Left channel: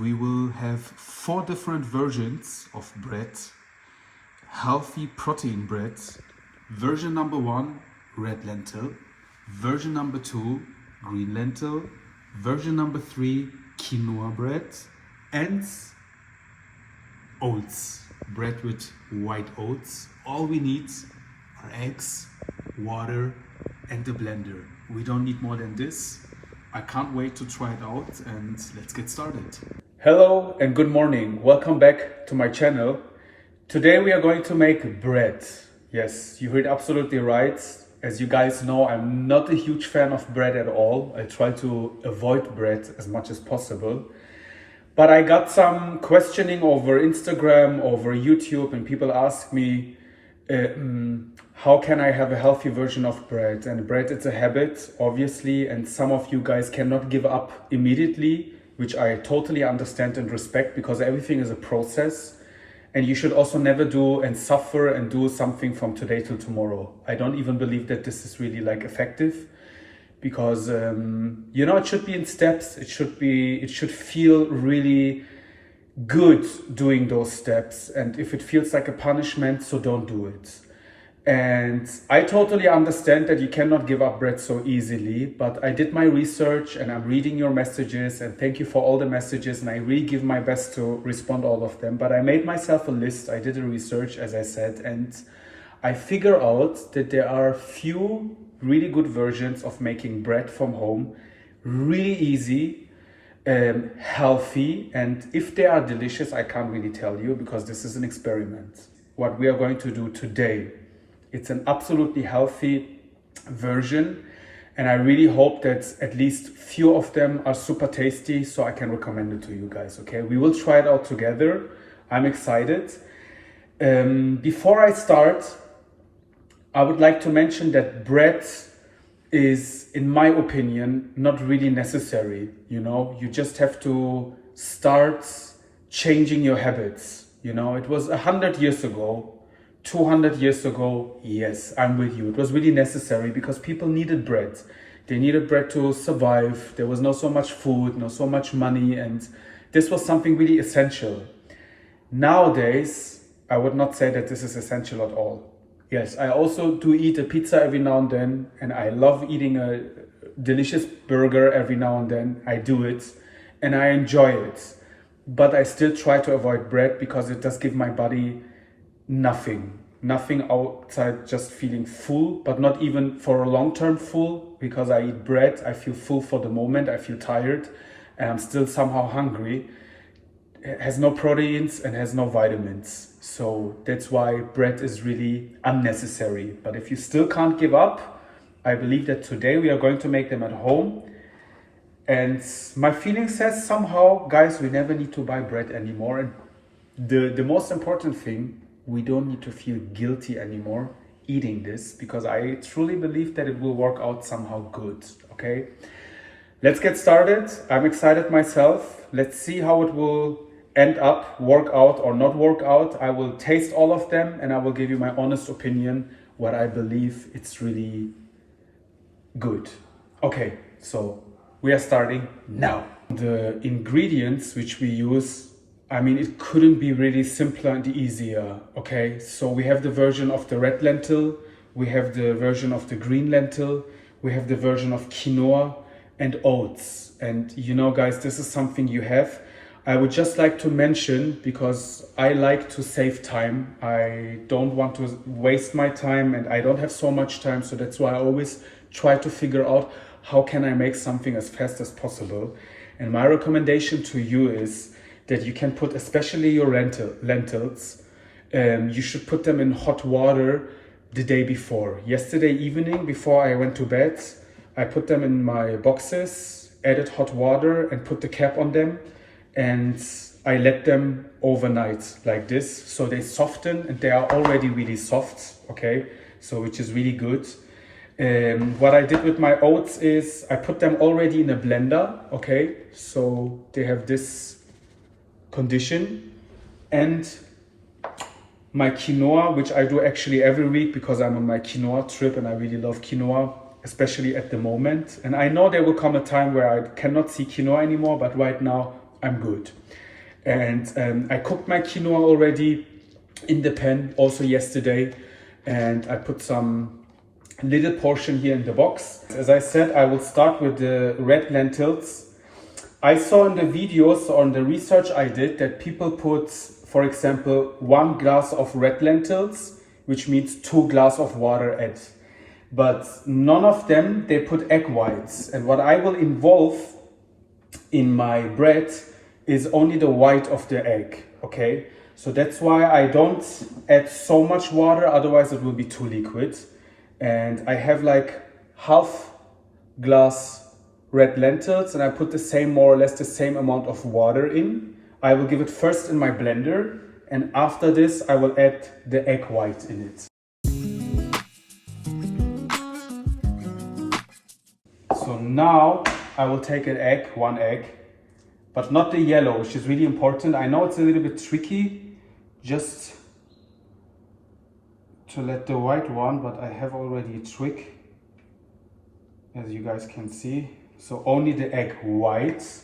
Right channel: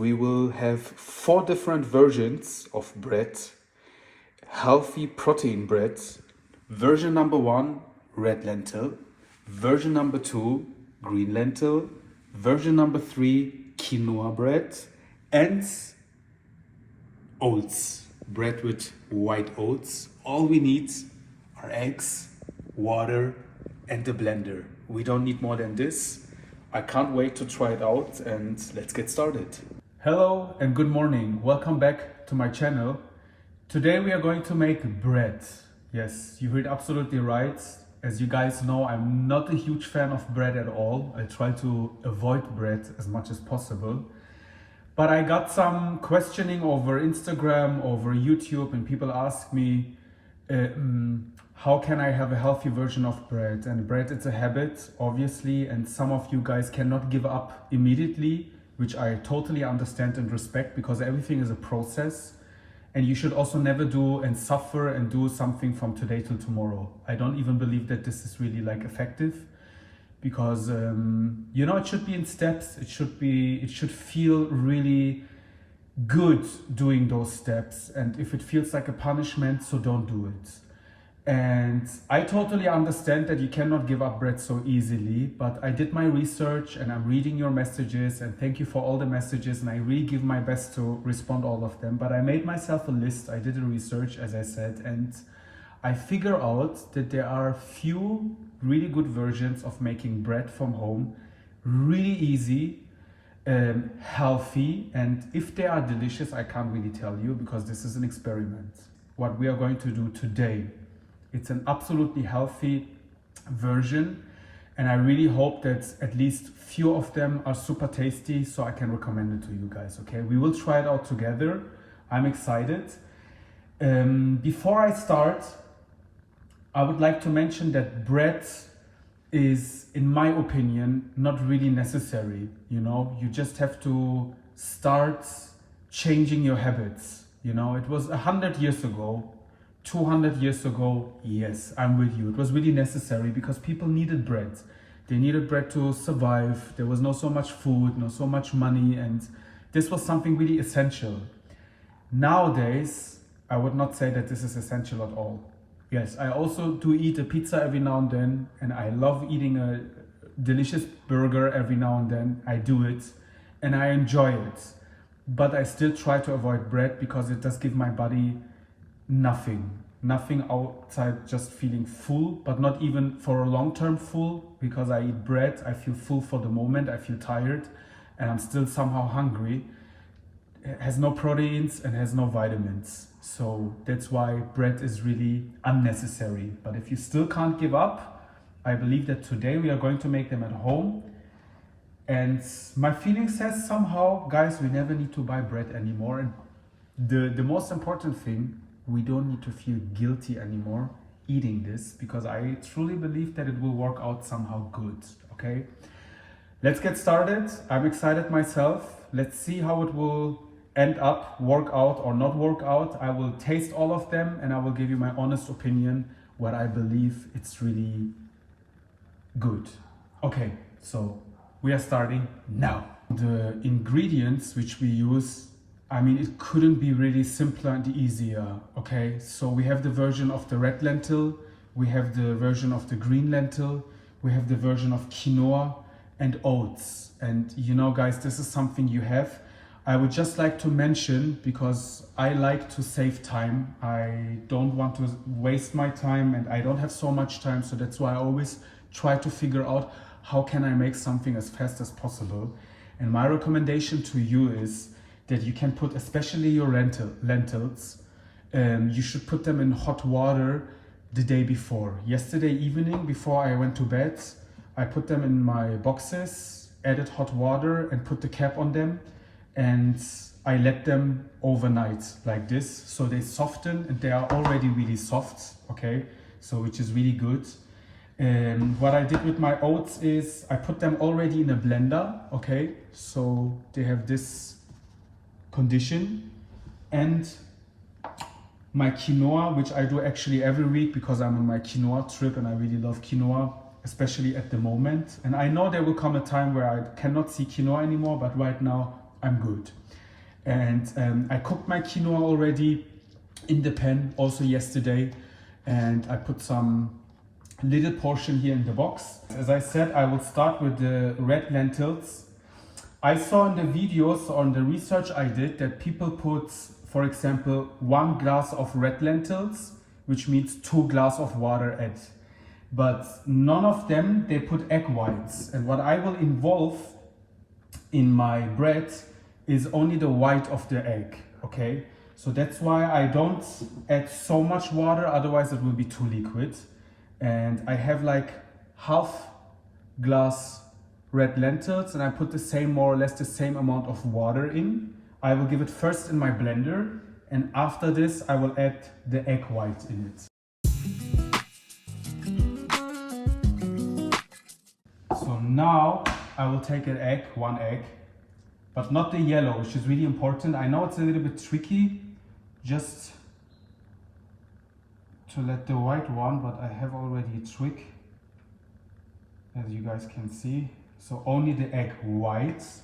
we will have 4 different versions of bread. Healthy protein bread. Version number 1, red lentil. Version number 2, green lentil. Version number 3, quinoa bread. And oats, bread with white oats. All we need are eggs, water, and a blender. We don't need more than this. I can't wait to try it out, and let's get started. Hello and good morning. Welcome back to my channel. Today we are going to make bread. Yes, you heard absolutely right. As you guys know, I'm not a huge fan of bread at all. I try to avoid bread as much as possible. But I got some questioning over Instagram, over YouTube, and people ask me, how can I have a healthy version of bread? And bread, it's a habit, obviously, and some of you guys cannot give up immediately, which I totally understand and respect, because everything is a process. And you should also never do and suffer and do something from today till tomorrow. I don't even believe that this is really like effective, because you know, it should be in steps. It should feel really good doing those steps. And if it feels like a punishment, so don't do it. And I totally understand that you cannot give up bread so easily, but I did my research and I'm reading your messages, and thank you for all the messages, and I really give my best to respond all of them. But I made myself a list. I did a research, as I said, and I figure out that there are few really good versions of making bread from home, really easy, healthy, and if they are delicious, I can't really tell you, because this is an experiment. What we are going to do today, it's an absolutely healthy version, and I really hope that at least few of them are super tasty, so I can recommend it to you guys. Okay, we will try it out together. I'm excited. Before I start, I would like to mention that bread is, in my opinion, not really necessary. You know, you just have to start changing your habits. You know, it was 100 years ago, 200 years ago, yes, I'm with you. It was really necessary because people needed bread. They needed bread to survive. There was not so much food, not so much money, and this was something really essential. Nowadays, I would not say that this is essential at all. Yes, I also do eat a pizza every now and then, and I love eating a delicious burger every now and then. I do it, and I enjoy it. But I still try to avoid bread because it does give my body nothing outside just feeling full, but not even for a long-term full, because I eat bread, I feel full for the moment, I feel tired, and I'm still somehow hungry. It has no proteins and has no vitamins. So that's why bread is really unnecessary. But if you still can't give up, I believe that today we are going to make them at home. And my feeling says somehow, guys, we never need to buy bread anymore. And the most important thing, we don't need to feel guilty anymore eating this, because I truly believe that it will work out somehow good. Okay, let's get started. I'm excited myself. Let's see how it will end up, work out or not work out. I will taste all of them and I will give you my honest opinion, what I believe it's really good. Okay, so we are starting now. The ingredients which we use, I mean, it couldn't be really simpler and easier. Okay, so we have the version of the red lentil, we have the version of the green lentil, we have the version of quinoa and oats. And you know, guys, this is something you have. I would just like to mention, because I like to save time. I don't want to waste my time, and I don't have so much time. So that's why I always try to figure out how can I make something as fast as possible. And my recommendation to you is that you can put, especially your lentils, you should put them in hot water the day before. Yesterday evening, before I went to bed, I put them in my boxes, added hot water and put the cap on them, and I let them overnight like this, so they soften, and they are already really soft. Okay, so which is really good. What I did with my oats is I put them already in a blender. Okay, so they have this condition. And my quinoa, which I do actually every week because I'm on my quinoa trip and I really love quinoa, especially at the moment. And I know there will come a time where I cannot see quinoa anymore, but right now I'm good. And I cooked my quinoa already in the pan also yesterday, and I put some little portion here in the box. As I said, I will start with the red lentils. I saw in the videos or in the research I did that people put, for example, 1 glass of red lentils, which means 2 glasses of water add. But none of them, they put egg whites. And what I will involve in my bread is only the white of the egg, okay? So that's why I don't add so much water, otherwise it will be too liquid. And I have like half glass red lentils, and I put the same, more or less the same amount of water in. I will give it first in my blender, and after this I will add the egg white in it. So now I will take an egg, 1 egg, but not the yellow, which is really important. I know it's a little bit tricky just to let the white one, but I have already a trick, as you guys can see. So only the egg whites.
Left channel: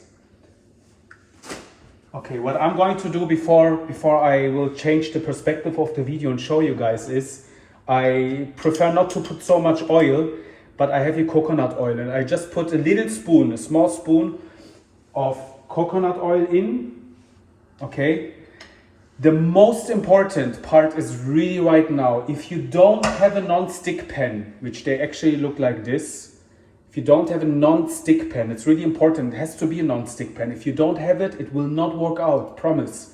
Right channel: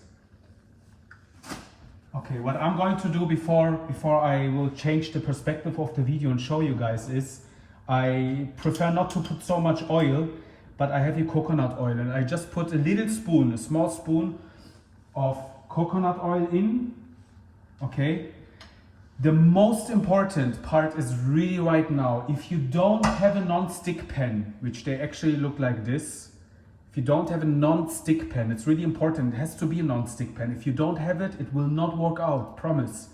Okay, what I'm going to do before I will change the perspective of the video and show you guys is, I prefer not to put so much oil, but I have here coconut oil, and I just put a little spoon, a small spoon of coconut oil in, okay? The most important part is really right now, if you don't have a non-stick pan, which they actually look like this, if you don't have a non-stick pan, it's really important, it has to be a non-stick pan. If you don't have it, it will not work out, promise.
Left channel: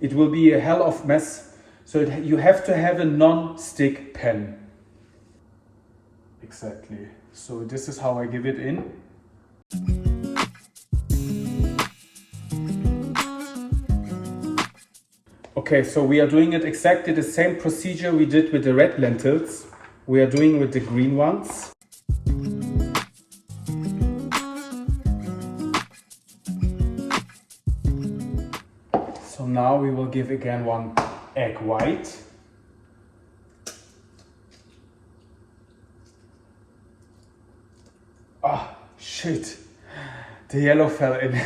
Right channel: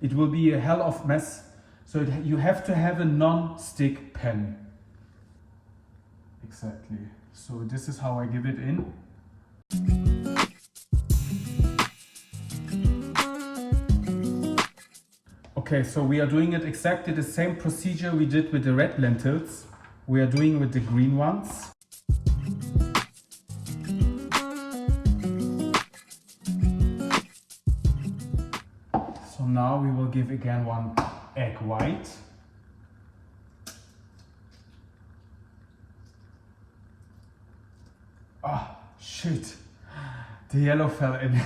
It will be a hell of mess. So you have to have a non-stick pan. Exactly. So this is how I give it in. Okay, so we are doing it exactly the same procedure we did with the red lentils. We are doing with the green ones. So now we will give again 1 egg white. Ah, shit. The yellow fell in.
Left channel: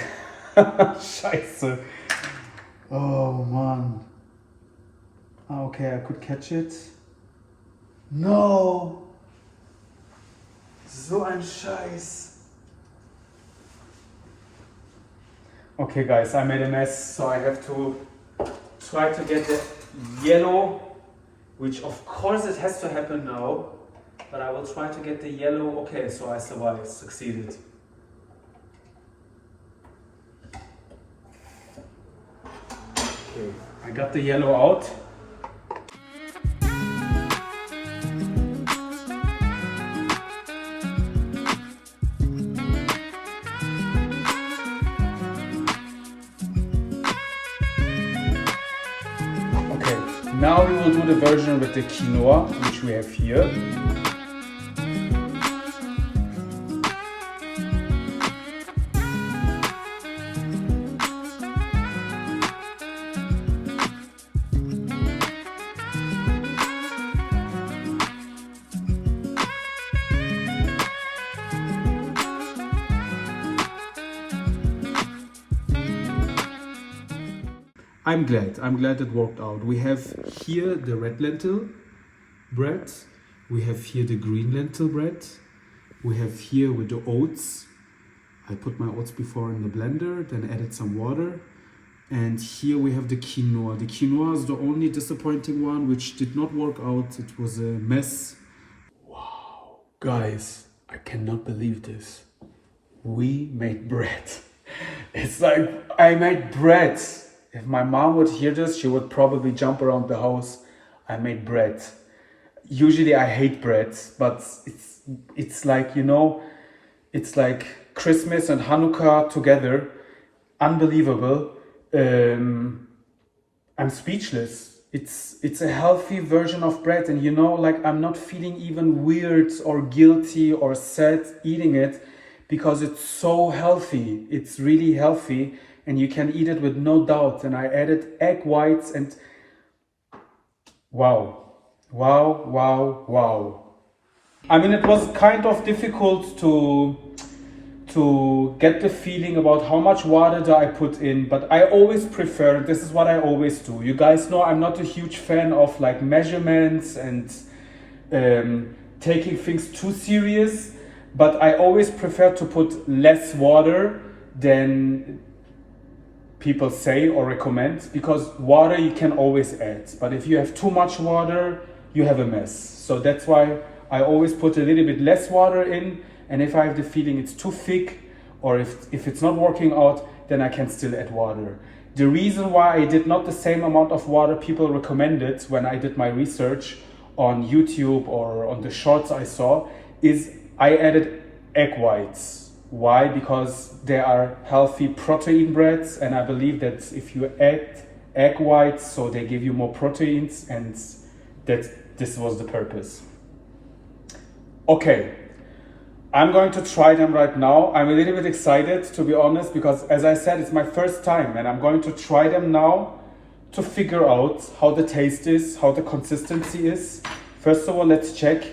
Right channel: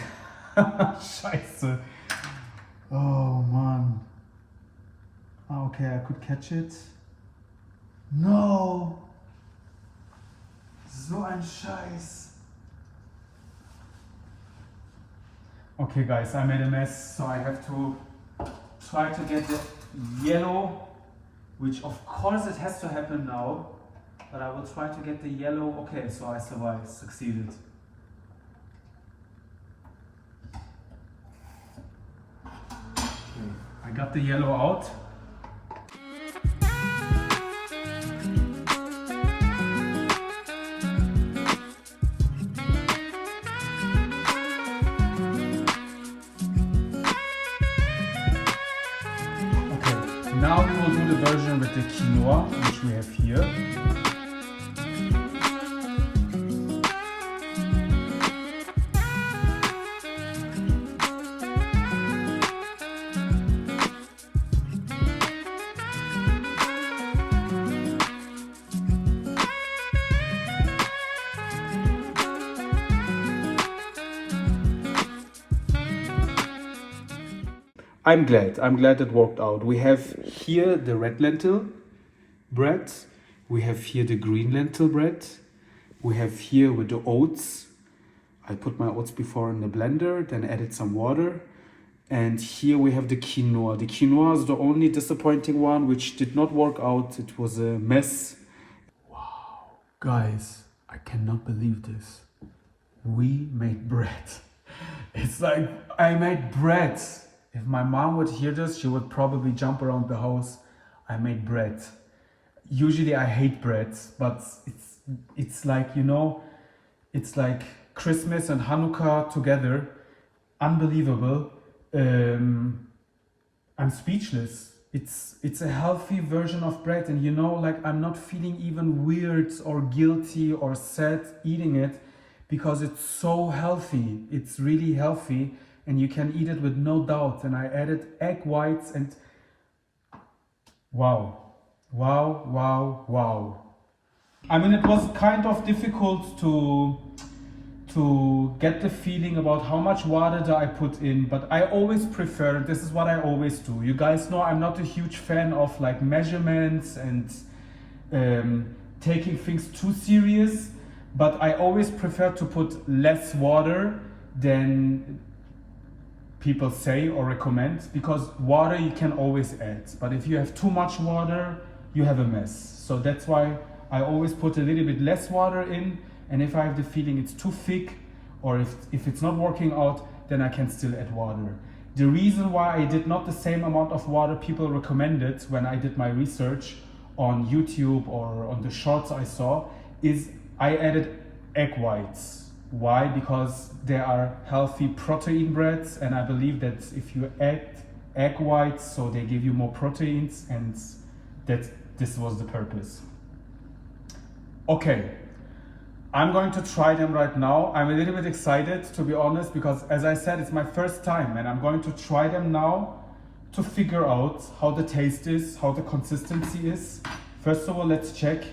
Scheiße. Oh man. Ah, okay, I could catch it. No. So ein Scheiß. Okay guys, I made a mess, so I have to try to get the yellow, which of course it has to happen now, but I will try to get the yellow. Okay, so I survived, succeeded. Okay, I got the yellow out. Now we will do the version with the quinoa, which we have here. I'm glad it worked out. We have here the red lentil bread. We have here the green lentil bread. We have here with the oats. I put my oats before in the blender, then added some water. And here we have the quinoa. The quinoa is the only disappointing one, which did not work out. It was a mess. Wow. Guys, I cannot believe this. We made bread. It's like I made bread. If my mom would hear this, she would probably jump around the house. I made bread. Usually I hate bread, but it's like, you know, it's like Christmas and Hanukkah together. Unbelievable. I'm speechless. It's a healthy version of bread, and you know, like I'm not feeling even weird or guilty or sad eating it, because it's so healthy. It's really healthy. And you can eat it with no doubt. And I added egg whites, and wow. I mean, it was kind of difficult to to get the feeling about how much water do I put in, but I always prefer, this is what I always do. You guys know I'm not a huge fan of like measurements and taking things too serious, but I always prefer to put less water than people say or recommend, because water you can always add, but if you have too much water, you have a mess. So that's why I always put a little bit less water in, and if I have the feeling it's too thick or if it's not working out, then I can still add water. The reason why I did not the same amount of water people recommended when I did my research on YouTube or on the shorts I saw is I added egg whites. Why? Because they are healthy protein breads, and I believe that if you add egg whites, so they give you more proteins, and that this was the purpose. Okay, I'm going to try them right now. I'm a little bit excited, to be honest, because as I said, it's my first time, and I'm going to try them now to figure out how the taste is, how the consistency is. First of all, let's check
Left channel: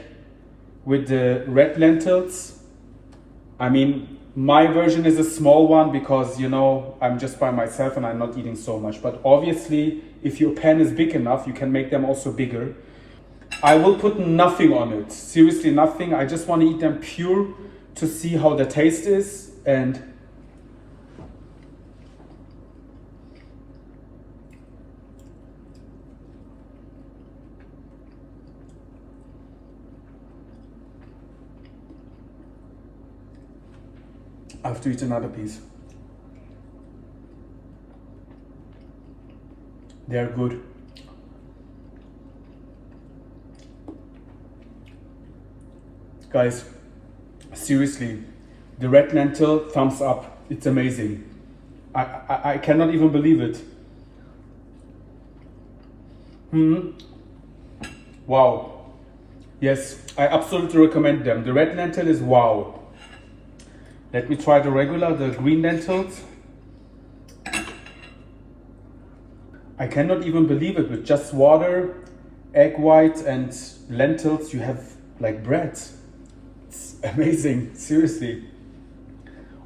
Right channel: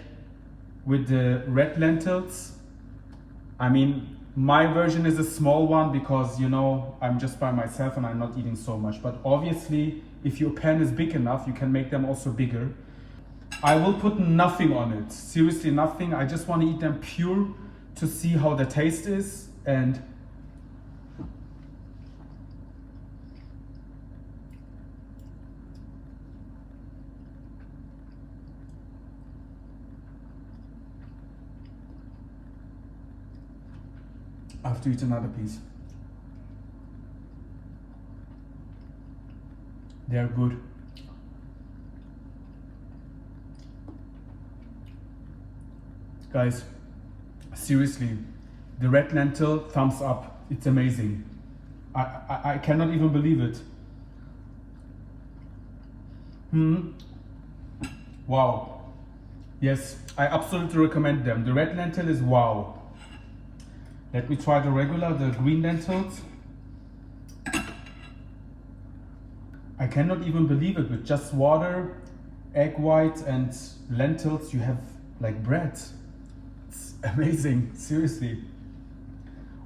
with the red lentils. I mean, my version is a small one because, you know, I'm just by myself and I'm not eating so much. But obviously, if your pan is big enough, you can make them also bigger. I will put nothing on it, seriously nothing. I just want to eat them pure to see how the taste is. And I have to eat another piece. They are good. Guys, seriously, the red lentil, thumbs up. It's amazing. I cannot even believe it. Wow. Yes, I absolutely recommend them. The red lentil is wow. Let me try the regular, the green lentils. I cannot even believe it. With just water, egg white and lentils, you have like bread. It's amazing, seriously.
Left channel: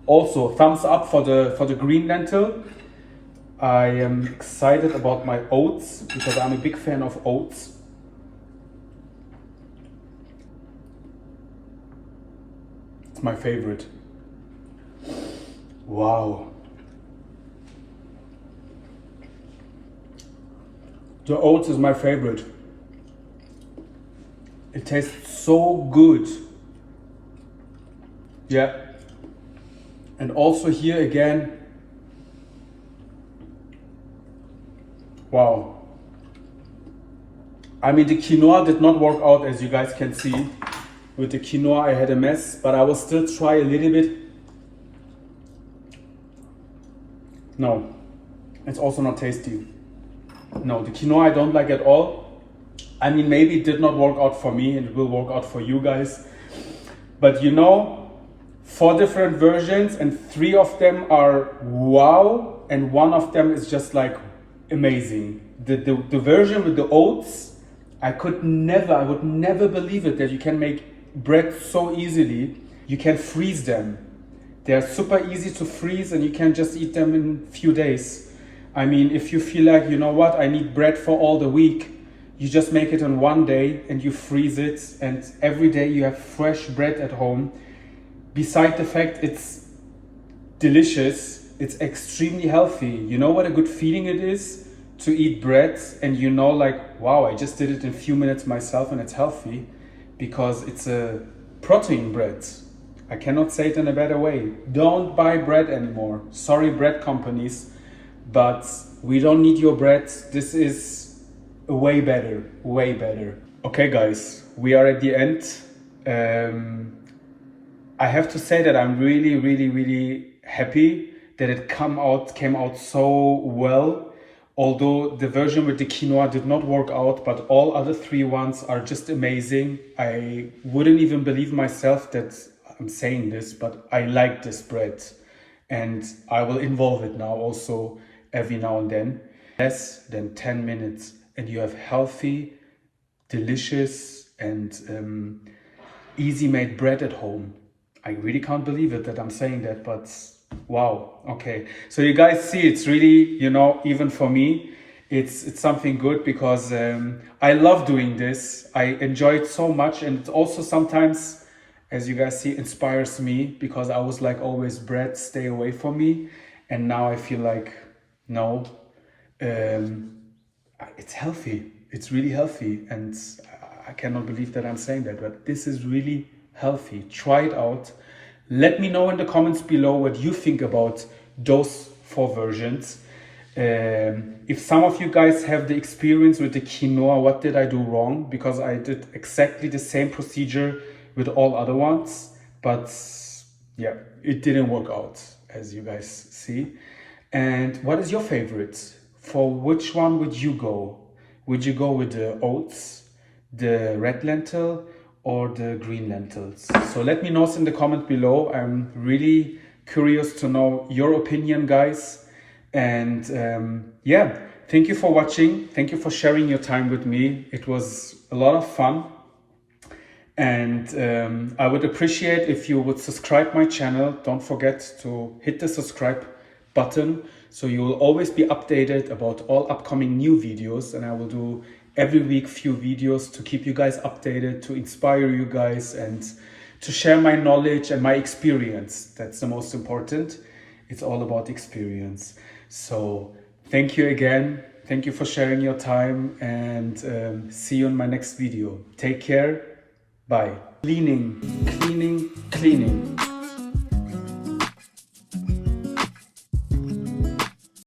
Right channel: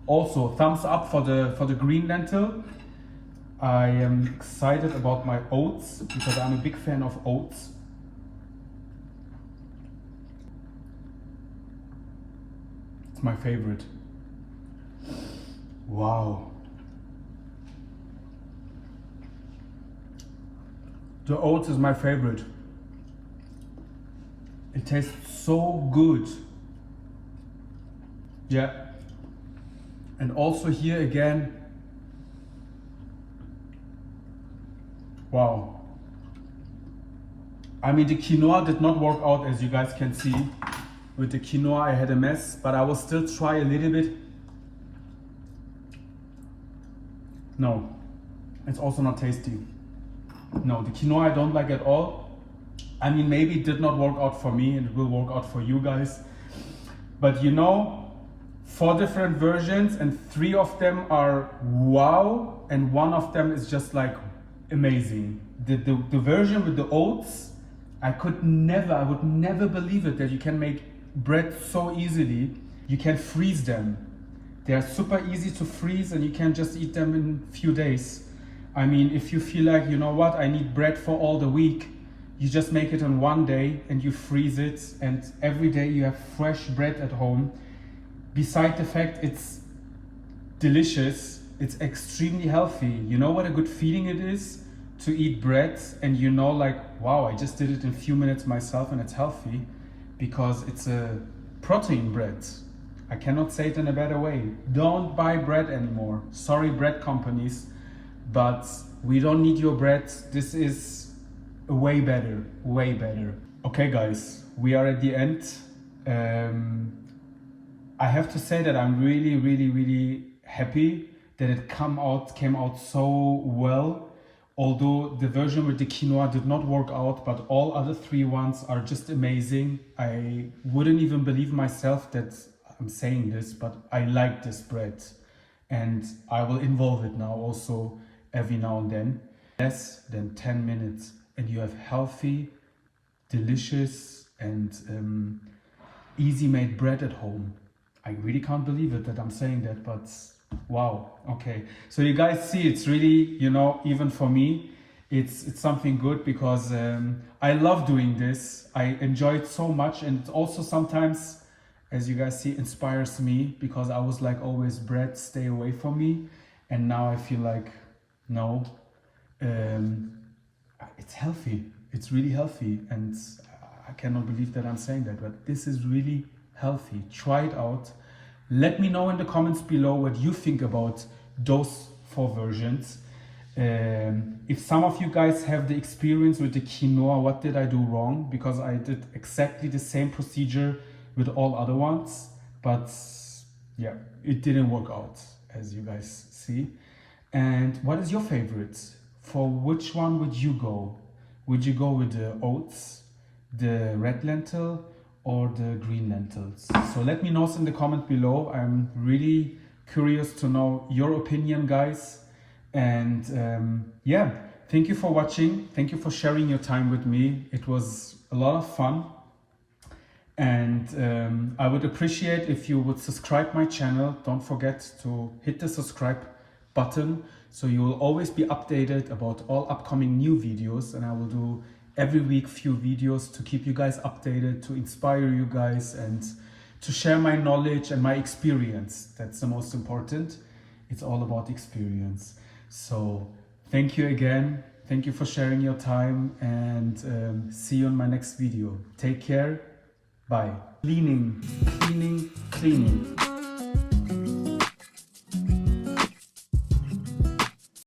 Also, thumbs up for the green lentil. I am excited about my oats because I'm a big fan of oats. It's my favorite. Wow. The oats is my favorite. It tastes so good. Yeah. And also here again, wow. I mean, the quinoa did not work out, as you guys can see. With the quinoa I had a mess, but I will still try a little bit. No, it's also not tasty. No, the quinoa I don't like at all. I mean, maybe it did not work out for me and it will work out for you guys. But you know, 4 different versions and 3 of them are wow, and 1 of them is just like amazing. The version with the oats, I would never believe it that you can make bread so easily. You can freeze them. They are super easy to freeze and you can just eat them in a few days. I mean, if you feel like, you know what, I need bread for all the week, you just make it in one day and you freeze it, and every day you have fresh bread at home. Besides the fact it's delicious, it's extremely healthy. You know what a good feeling it is to eat bread and you know, like, wow, I just did it in a few minutes myself and it's healthy because it's a protein bread. I cannot say it in a better way. Don't buy bread anymore. Sorry, bread companies, but we don't need your bread. This is way better, way better. Okay, guys, we are at the end. I have to say that I'm really happy that it came out so well. Although the version with the quinoa did not work out, but all other 3 ones are just amazing. I wouldn't even believe myself that I'm saying this, but I like this bread and I will involve it now also every now and then. Less than 10 minutes and you have healthy, delicious and easy made bread at home. I really can't believe it that I'm saying that, but wow. Okay, so you guys see, it's really, you know, even for me, it's something good, because I love doing this. I enjoy it so much, and it also sometimes, as you guys see, inspires me, because I was like always, bread, stay away from me, and now I feel like, no, it's healthy. It's really healthy, and I cannot believe that I'm saying that, but this is really healthy. Try it out. Let me know in the comments below what you think about those 4 versions. If some of you guys have the experience with the quinoa, what did I do wrong? Because I did exactly the same procedure with all other ones, but yeah, it didn't work out, as you guys see. And what is your favorite? For which one would you go? Would you go with the oats, the red lentil, or the green lentils? So let me know in the comment below. I'm really curious to know your opinion, guys. And yeah, thank you for watching. Thank you for sharing your time with me. It was a lot of fun. And I would appreciate if you would subscribe my channel. Don't forget to hit the subscribe button, so you will always be updated about all upcoming new videos. And I will do every week few videos to keep you guys updated, to inspire you guys, and to share my knowledge and my experience. That's the most important. It's all about experience. So thank you again. Thank you for sharing your time, and see you in my next video. Take care. Bye. Cleaning, cleaning, cleaning.